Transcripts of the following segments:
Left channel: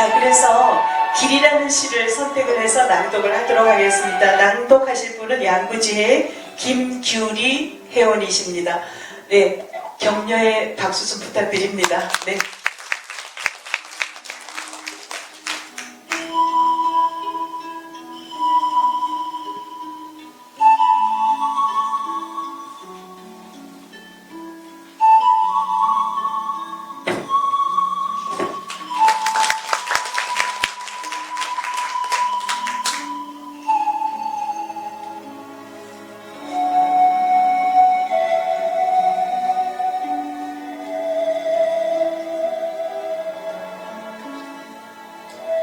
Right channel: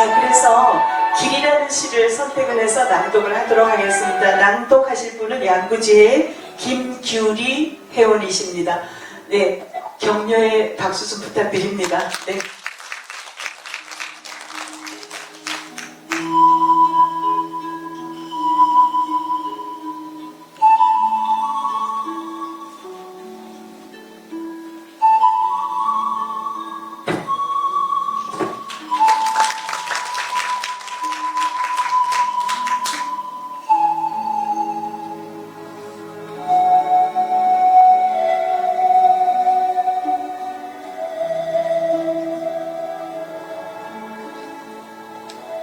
자, 그래서 길이라는 시를 선택을 해서 낭독을 하도록 하겠습니다. 낭독하실 분은 양구지의 김규리 회원이십니다. 네, 격려의 박수 좀 부탁드립니다. 네.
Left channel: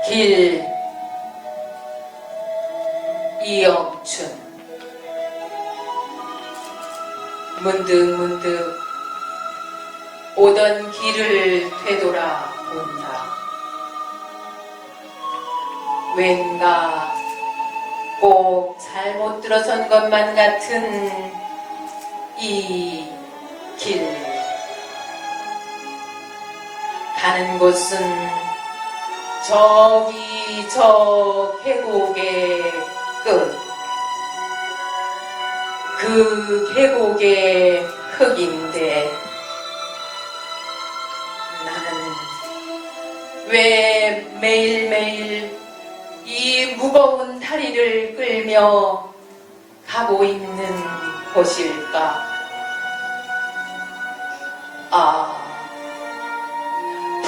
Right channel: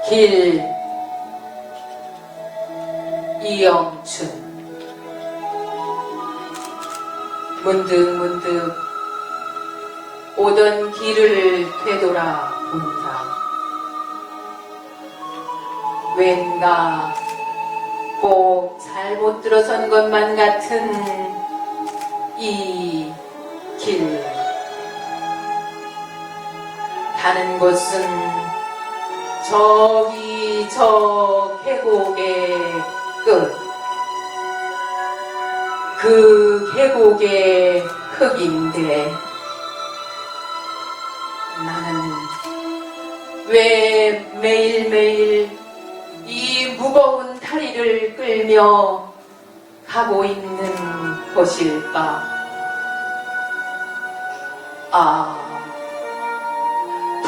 길 이영춘. 문득 문득 오던 길을 되돌아 본다. 왠가 꼭 잘못 들어선 것만 같은 이 길. 가는 곳은 저기 저 계곡의 끝. 그 계곡의 흙인데 나는 왜 매일매일 이 무거운 다리를 끌며 가고 있는 곳일까? 아,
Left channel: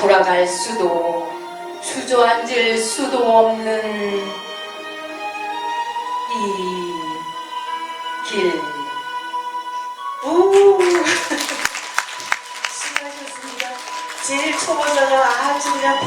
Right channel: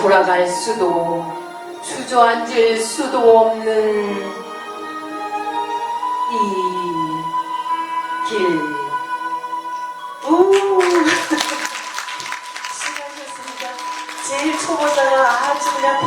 돌아갈 수도 주저앉을 수도 없는 이 길. 우! 수고하셨습니다. 제일 초보자가 아주 그냥